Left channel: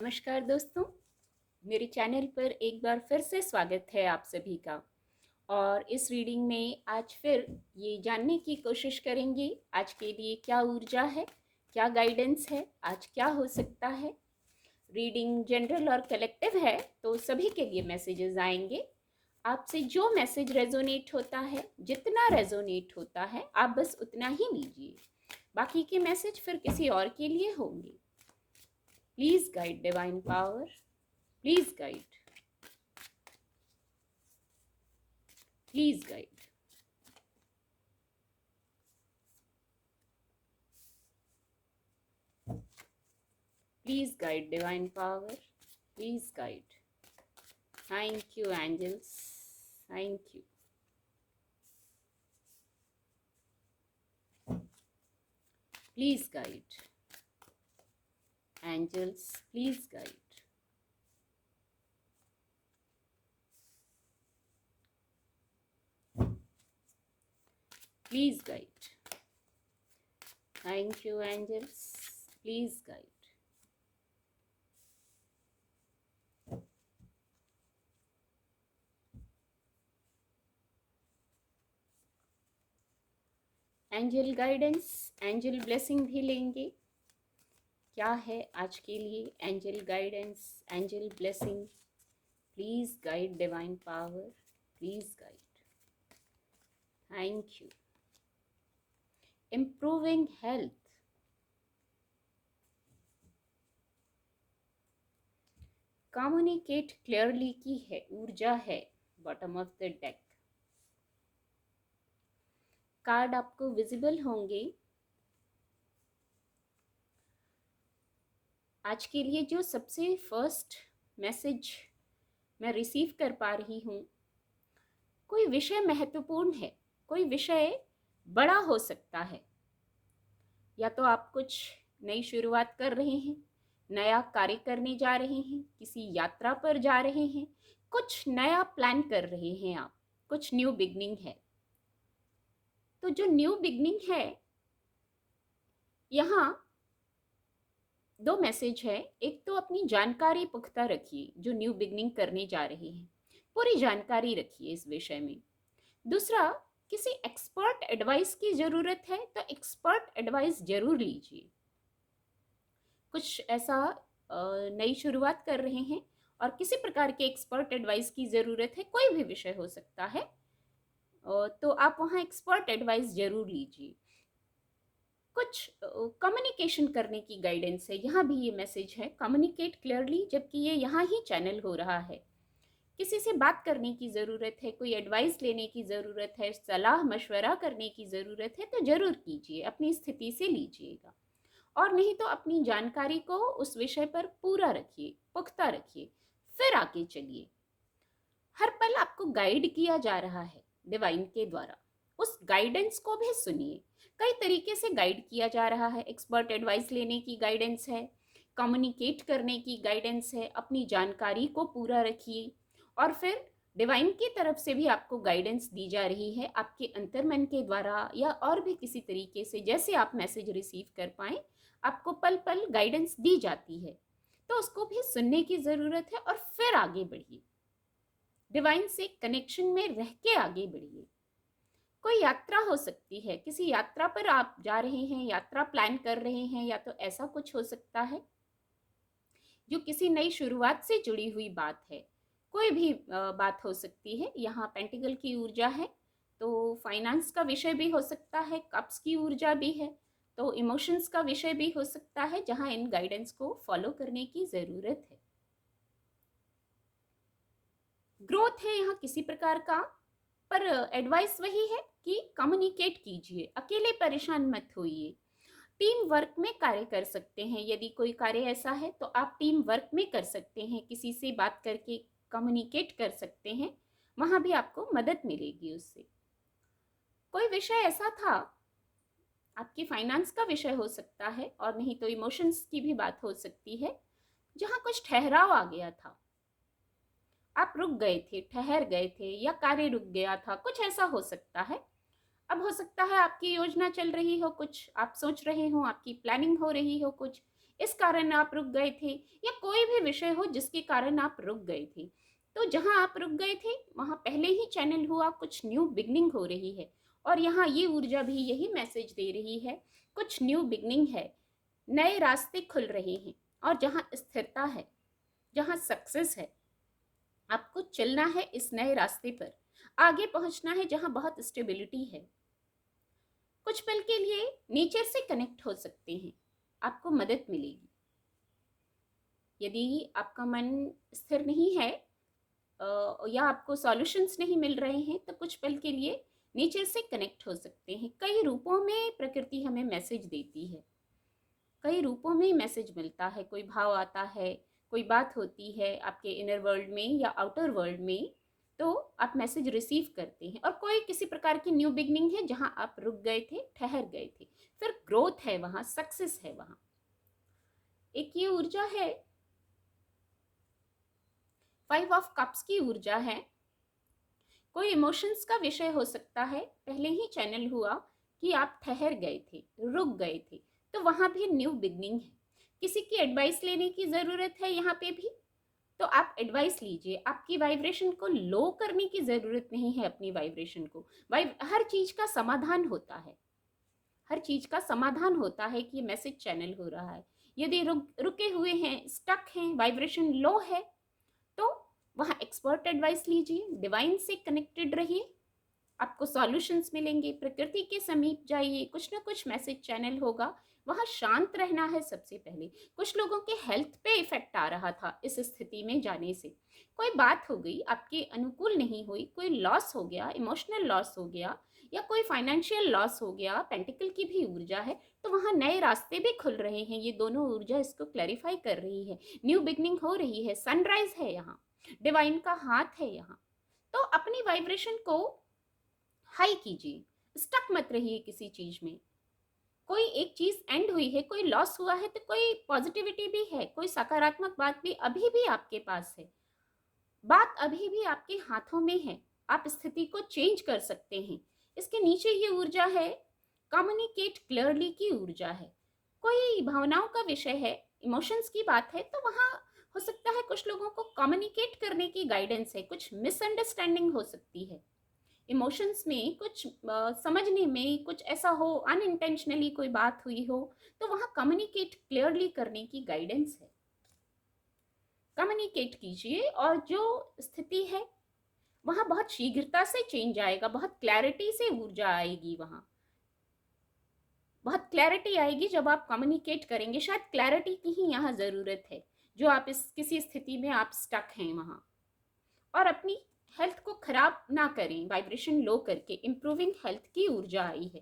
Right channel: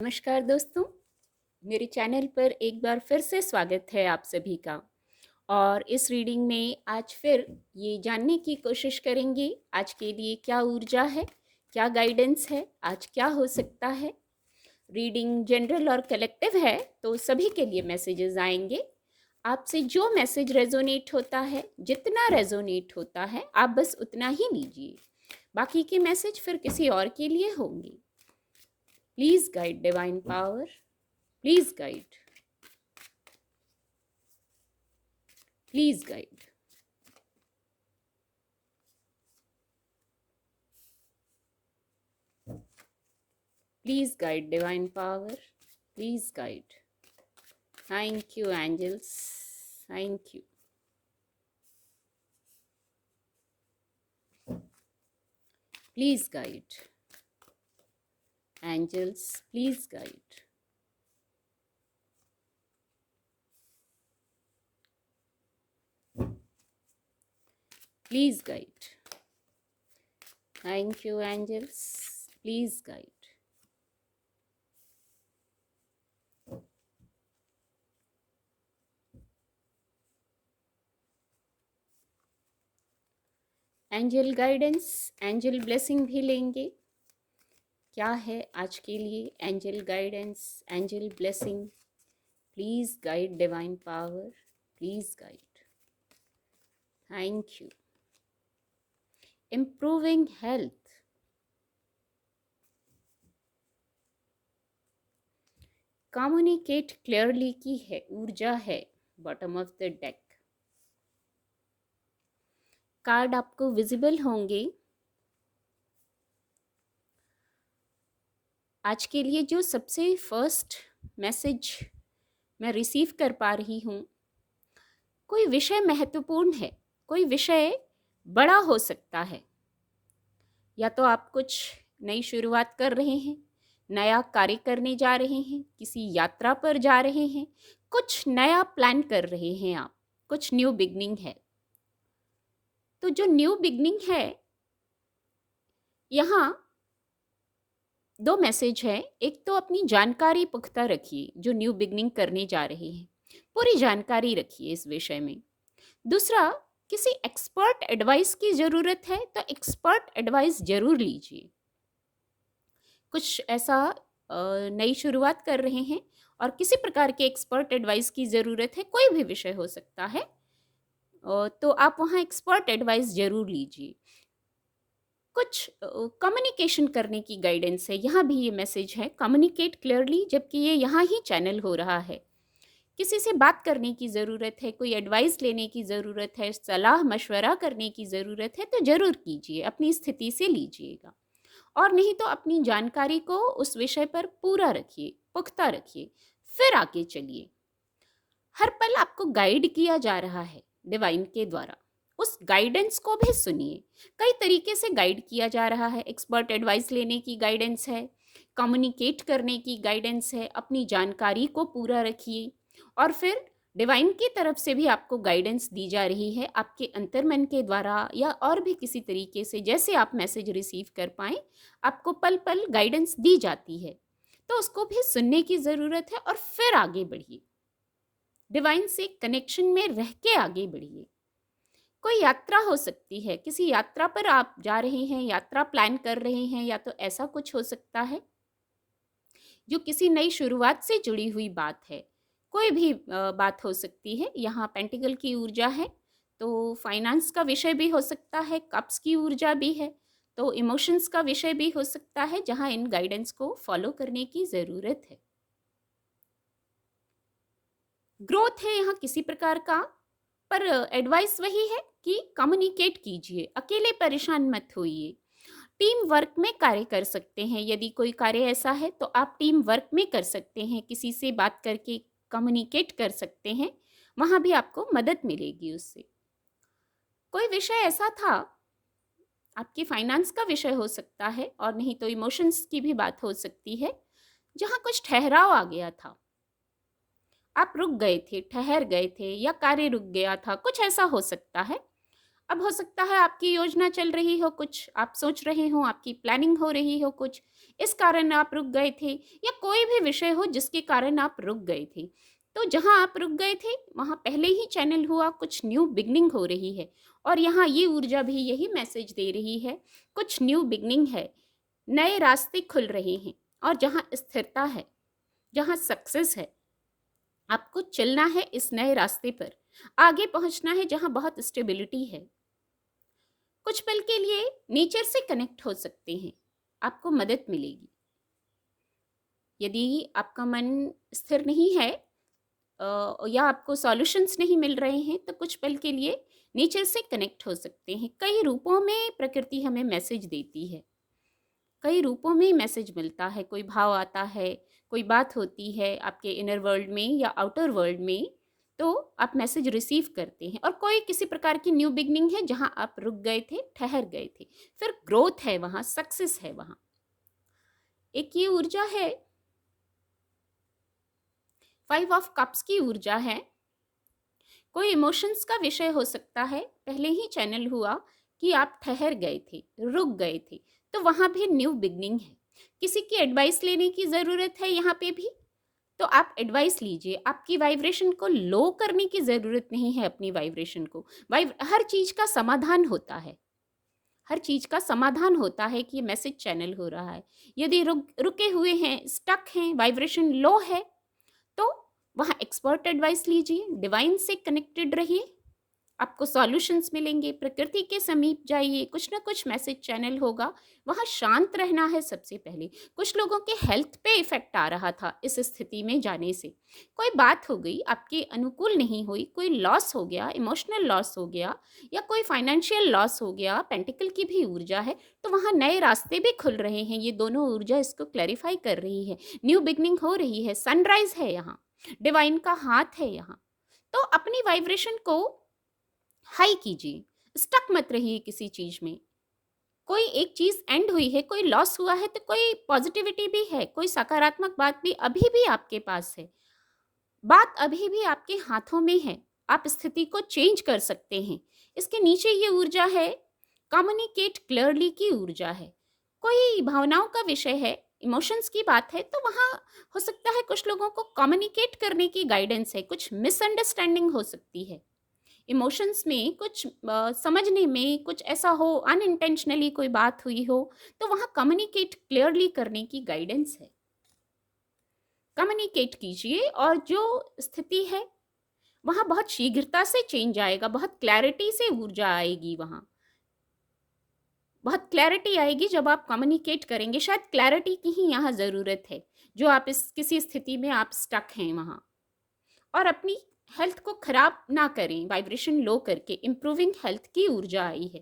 नमस्कार दोस्तों, मेरे चैनल पर एक बार फिर से स्वागत है आप सभी का। और इस रीडिंग में आज फिर ये जानने की कोशिश करेंगे आज के लिए क्या ऊर्जा है, क्या गाइडेंस है, आज क्या हो सकता है। रीडिंग जनरल और कलेक्टिव है तो सभी के लिए मैसेजेस आएंगे। आपसे जो मैसेज रेजोनेट होता है, जितना रेजोनेट होता है, आप बस उतना ही लीजिए। बाकी के मैसेज फिर किसी और के लिए होंगे। Please guide divine power, please guide, please guide. Please guide divine power. Please guide. Thank you, angels. Thank you. Please guide. Angels, please guide. Please guide. Thank you, angels. Please guide. Angel guidance, angel blessing भी लेंगे। क्या है आज के लिए angel guidance, angel blessing? Please guide divine power, please guide. Thank you. Improving health, communicate clearly की है ऊर्जा है bottom of the deck. Card आपको विजिबल होंगे। आज के लिए जो सबसे फर्स्ट मैसेज मैं रिसीव कर पा रही हूँ, कोई विषय महत्वपूर्ण है, कोई विषय बड़ा हो सकता है। या तो आप कुछ नई शुरुआत कर रहे हैं, नया कार्य करने जा रहे हैं, किसी यात्रा पर जा रहे हैं, कुछ नया प्लान कर रहे हैं आप, कुछ न्यू बिगनिंग है। तो जो न्यू बिगनिंग है, यहाँ दो मैसेज है। एक तो अपनी जानकारी पुख्ता रखिए, जो न्यू बिगनिंग करने जा रहे हैं पूरी जानकारी रखिए इस विषय में। दूसरा, किसी एक्सपर्ट एडवाइस की ज़रूरत है तो एक्सपर्ट एडवाइस जरूर लीजिए। कुछ ऐसा नई शुरुआत कर रहे हैं और किसी प्रकार के एक्सपर्ट एडवाइस की ज़रूरत है, कोई भी विषय हो सकता है, तो आप वहाँ एक्सपर्ट एडवाइस जरूर लीजिए। कुछ कम्युनिकेशन करने की गाइडेंस है, यहाँ भी ये मैसेज है कम्युनिकेट क्लियरली, जबकि ये यहाँ ही चैनल हो रहा है। किसी से बात करने की ज़रूरत है, कोई एडवाइस लेने की ज़रूरत है, सलाह मशवरा करने की ज़रूरत है तो ज़रूर कीजिए, अपनी स्थिति से लीजिएगा। और नहीं तो अपनी जानकारी को उस विषय पर पूरा रखिए, पुख्ता रखिए, फिर आगे चलिए। हर पल आपको गाइड किया जा रहा है डिवाइन के द्वारा, उस गाइडेंस को भी सुनिए। कई तरीके से गाइड किया जा रहा है। एक्सपर्ट एडवाइस लेने की गाइडेंस है, कम्युनिकेट करने की गाइडेंस है, अपनी जानकारी को पूरा रखिए। और फिर डिवाइन की तरफ से भी आपको गाइडेंस दी जा रही है, आपके अंतर्मन के द्वारा या और भी किसी तरीके से, जैसे आप मैसेज रिसीव कर पाएँ, आपको पल पल गाइडेंस दी जाती है। तो उसको भी सुनने की ज़रूरत है और फिर आगे बढ़िए, डिवाइन से कनेक्शन में रह के आगे बढ़िए। कोई यात्रा हो सकती है, किसी यात्रा पर आप जा रहे हैं, यात्रा प्लान कर रहे हैं, या तो ऐसा कुछ हो सकता है जो किसी नई शुरुआत से जुड़ी हुई बात है। कोई भी बात हो सकती है। यहाँ पेंटिकल की ऊर्जा है तो फाइनेंस का विषय भी हो सकता है, कप्स की ऊर्जा भी है तो इमोशंस का विषय भी हो सकता है, जहाँ इन गाइडेंस को फॉलो करने की ज़रूरत है। ग्रोथ है यहाँ किसी प्रकार का, पर एडवाइस वही है कि कम्युनिकेट कीजिए, अकेले परेशान मत होइए। टीम वर्क में कार्य कर सकते हैं, यदि कोई कार्य ऐसा है तो आप टीम वर्क में कर सकते हैं, किसी से बात करके कम्युनिकेट कर सकते हैं, वहाँ भी आपको मदद मिलेगी उससे। कोई विषय ऐसा था, आपकी फाइनेंस का विषय हो सकता है और नहीं तो इमोशंस की भी बात हो सकती है, जहाँ कुछ ठहराव आ गया था, आप रुक गए थे, ठहर गए थे, या कार्य रुक गया था, कुछ ऐसा हो सकता है। अब हो सकता है आपकी योजना चल रही हो, कुछ आप सोच रहे हो, आपकी प्लानिंग हो रही हो, कुछ इस कारण आप रुक गए थे, या कोई भी विषय हो जिसके कारण आप रुक गए थे। तो जहाँ आप रुक गए थे वहाँ पहले ही चैनल हुआ, कुछ न्यू बिगनिंग हो रही है। और यहाँ ये ऊर्जा भी यही मैसेज दे रही है, कुछ न्यू बिगनिंग है, नए रास्ते खुल रहे हैं। और जहाँ स्थिरता है, जहाँ सक्सेस है, आपको चलना है इस नए रास्ते पर, आगे पहुंचना है जहाँ बहुत स्टेबिलिटी है। कुछ पल के लिए नेचर से कनेक्ट हो सकते हैं, आपको मदद मिलेगी। यदि आपका मन स्थिर नहीं है या आपको सॉल्यूशंस नहीं मिल रहे हैं, तो कुछ पल के लिए नेचर से कनेक्ट हो सकते हैं। कई रूपों में प्रकृति हमें मैसेज देती है, कई रूपों में मैसेज मिलता है। कोई भाव आता है, कोई बात होती है आपके इनर वर्ल्ड में या आउटर वर्ल्ड में, तो आप मैसेज रिसीव करते हैं। और कोई किसी प्रकार की न्यू बिगनिंग है जहां आप रुक गए थे, ठहर गए थे, फिर ग्रोथ है वहां, सक्सेस है वहां। एक ये ऊर्जा है, 5 ऑफ कप्स की ऊर्जा है। कोई इमोशंस का विषय हो सकता है, पहले ही चैनल हुआ कि आप ठहर गए थे, रुक गए थे, तो वहाँ भी न्यू बिगनिंग है। किसी की एडवाइस लेने की ज़रूरत है यहाँ पे भी, तो आप एडवाइस लीजिए। आपकी वाइब्रेशन को लो करने की ज़रूरत नहीं है, अपनी वाइब्रेशन को। हर चीज़ का समाधान होता है, हर चीज़ का समाधान होता है कि ये मैसेज चैनल हो रहा है। यदि रुके हुए हैं, स्टक हैं, वाइब्रेशन लो है, तो वहाँ एक्सपर्ट एडवाइस लीजिए, डिवाइन से कनेक्टेड रहिए, आपको सॉल्यूशंस मिलेंगे। प्रकृति के समीप जाइए, कुछ ना कुछ मैसेज चैनल होगा। वहाँ शांत रहना है सबसे पहले। कुछ लोगों के हेल्थ पे इफेक्ट आ रहा था इस स्थिति में जाने से, कोई बात हो गई आपके अनुकूल नहीं हुई, कोई लॉस हो गया, इमोशनल लॉस हो गया, या कोई फाइनेंशियल लॉस हो गया। पेंटिकल की भी ऊर्जा है, तो वहाँ नए रास्ते भी खुल रहे हैं। ये दोनों ऊर्जा इसको क्लैरिफाई कर रही है, न्यू बिगनिंग हो रही है, सनराइज है यहाँ, डिवाइन का हाथ है यहाँ। तो अपनी वाइब्रेशन को हाई कीजिए, स्टक मत रहिए किसी चीज में। कोई एक चीज एंड हुई है, कोई लॉस हुआ है, तो कोई पॉजिटिविटी भी है, कोई सकारात्मक बात भी अभी भी आपके पास है। बात अभी भी आपके हाथों में है, आप स्थिति को चेंज कर सकते हैं। इसके नीचे ये ऊर्जा है, कम्युनिकेट क्लियरली की ऊर्जा है। कोई भावनाओं का विषय है, इमोशंस की बात है, तो वहाँ हो सकता है कुछ लोगों को कम्युनिकेट करने की गाइडेंस है, कुछ मिसअंडरस्टैंडिंग हो सकती है। इमोशंस में कुछ समझने में कुछ ऐसा हो, अनइंटेंशनली कोई बात हुई हो, तो वहाँ कम्युनिकेट क्लियरली करने की गाइडेंस है। कम्युनिकेट कीजिए, और जो स्थिति है वहाँ बहुत शीघ्रता से चेंज आएगा, बहुत क्लैरिटी से ऊर्जा आएगी। वहाँ बहुत क्लैरिटी आएगी जब आप कम्युनिकेट करेंगे। शायद क्लैरिटी की ही यहाँ ज़रूरत है, जो आप इस किसी स्थिति में आप स्टक हैं वहाँ। और अपनी हेल्थ को खराब ना करें वाइब्रेशन लो करके, इम्प्रूविंग हेल्थ की ऊर्जा आई है।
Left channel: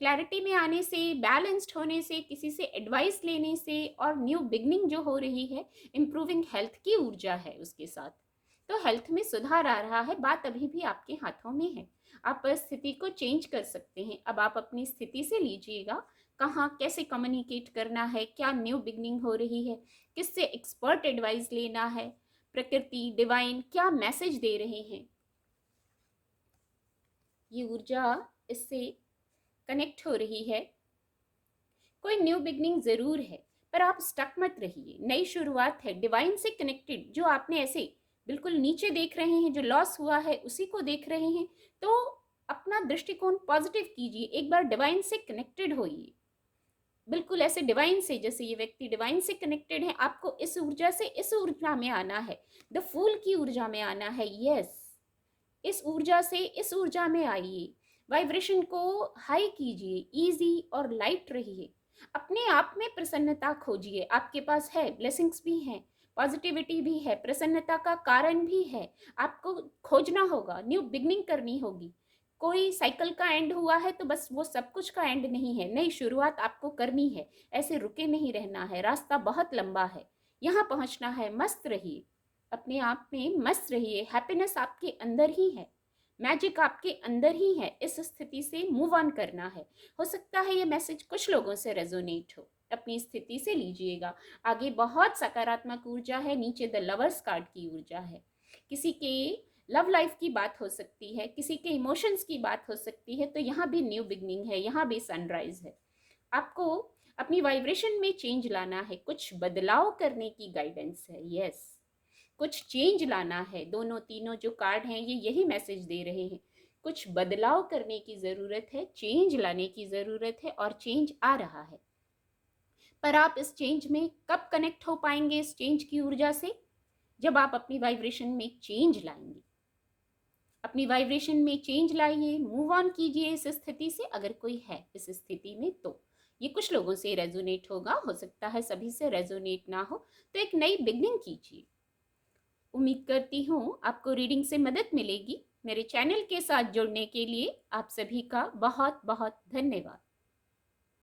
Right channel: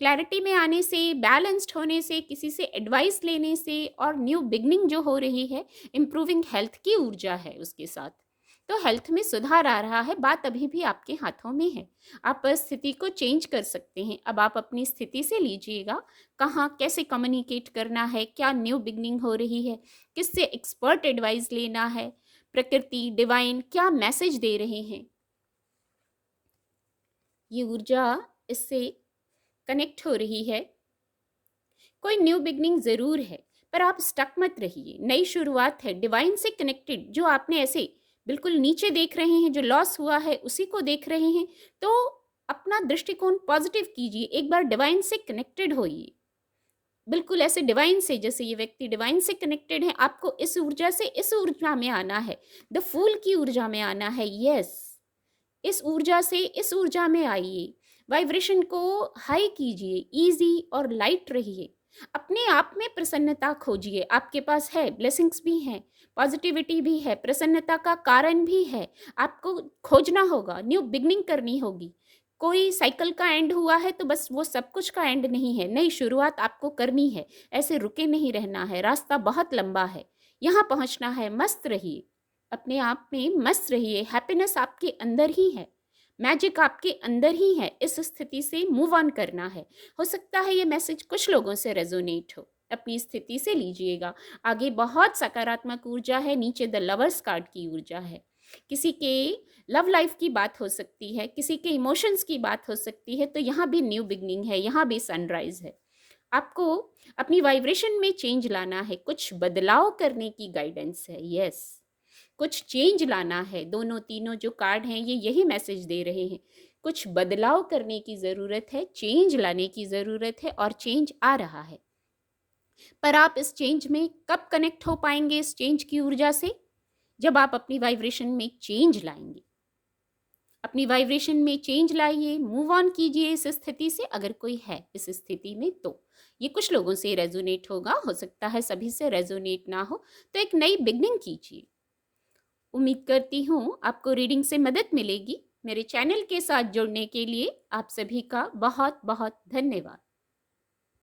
क्लैरिटी में आने से, बैलेंस्ड होने से, किसी से एडवाइस लेने से, और न्यू बिगनिंग जो हो रही है, इम्प्रूविंग हेल्थ की ऊर्जा है उसके साथ। तो हेल्थ में सुधार आ रहा है, बात अभी भी आपके हाथों में है। आप स्थिति को चेंज कर सकते हैं। अब आप अपनी स्थिति से लीजिएगा, कहाँ कैसे कम्युनिकेट करना है, क्या न्यू बिगनिंग हो रही है, किससे एक्सपर्ट एडवाइस लेना है, प्रकृति डिवाइन क्या मैसेज दे रहे हैं। ये ऊर्जा इससे कनेक्ट हो रही है। कोई न्यू बिगनिंग ज़रूर है, पर आप स्टक मत रहिए, नई शुरुआत है, डिवाइन से कनेक्टेड। जो आपने ऐसे बिल्कुल नीचे देख रहे हैं, जो लॉस हुआ है उसी को देख रहे हैं, तो अपना दृष्टिकोण पॉजिटिव कीजिए, एक बार डिवाइन से कनेक्टेड होइए। बिल्कुल ऐसे डिवाइन से, जैसे ये व्यक्ति डिवाइन से कनेक्टेड है, आपको इस ऊर्जा से इस ऊर्जा में आना है, द फूल की ऊर्जा में आना है। यस, इस ऊर्जा से इस ऊर्जा में आइए, वाइब्रेशन को हाई कीजिए, इजी और लाइट रहिए। अपने आप में प्रसन्नता खोजिए, आपके पास है, ब्लेसिंग्स भी हैं, पॉजिटिविटी भी है, प्रसन्नता का कारण भी है। आपको खोजना होगा, न्यू बिगनिंग करनी होगी। कोई साइकिल का एंड हुआ है तो बस वो सब कुछ का एंड नहीं है, नई शुरुआत आपको करनी है। ऐसे रुके नहीं रहना है, रास्ता बहुत लंबा है, यहाँ पहुँचना है। मस्त रहिए, अपने आप में मस्त रहिए, हैप्पीनेस आपके अंदर ही है, मैजिक आपके अंदर ही है। इस स्थिति से मूव ऑन करना है। हो सकता है ये मैसेज कुछ लोगों से रेजोनेट हो, अपनी स्थिति से लीजिएगा। आगे बहुत सकारात्मक ऊर्जा है, नीचे द लवर्स कार्ड की ऊर्जा है। किसी के लव लाइफ की बात हो सकती है, किसी के इमोशंस की बात हो सकती है, तो यहाँ भी न्यू बिगनिंग है, यहाँ भी सनराइज है। आपको अपनी वाइब्रेशन में चेंज लाना है, कुछ बदलाव करने की गाइडेंस है। यस, कुछ चेंज लाना है। दोनों तीनों जो कार्ड हैं ये यही मैसेज दे रहे हैं। कुछ बदलाव करने की ज़रूरत है, चेंज लाने की ज़रूरत है और चेंज आ रहा है। पर आप इस चेंज में कब कनेक्ट हो पाएंगे इस चेंज की ऊर्जा से? जब आप अपनी वाइब्रेशन में चेंज लाएंगे। अपनी वाइब्रेशन में चेंज लाइए, मूव ऑन कीजिए इस स्थिति से, अगर कोई है इस स्थिति में तो। ये कुछ लोगों से रेजोनेट होगा, हो सकता है सभी से रेजोनेट ना हो, तो एक नई बिगनिंग कीजिए। उम्मीद करती हूँ आपको रीडिंग से मदद मिलेगी। मेरे चैनल के साथ जुड़ने के लिए आप सभी का बहुत बहुत धन्यवाद।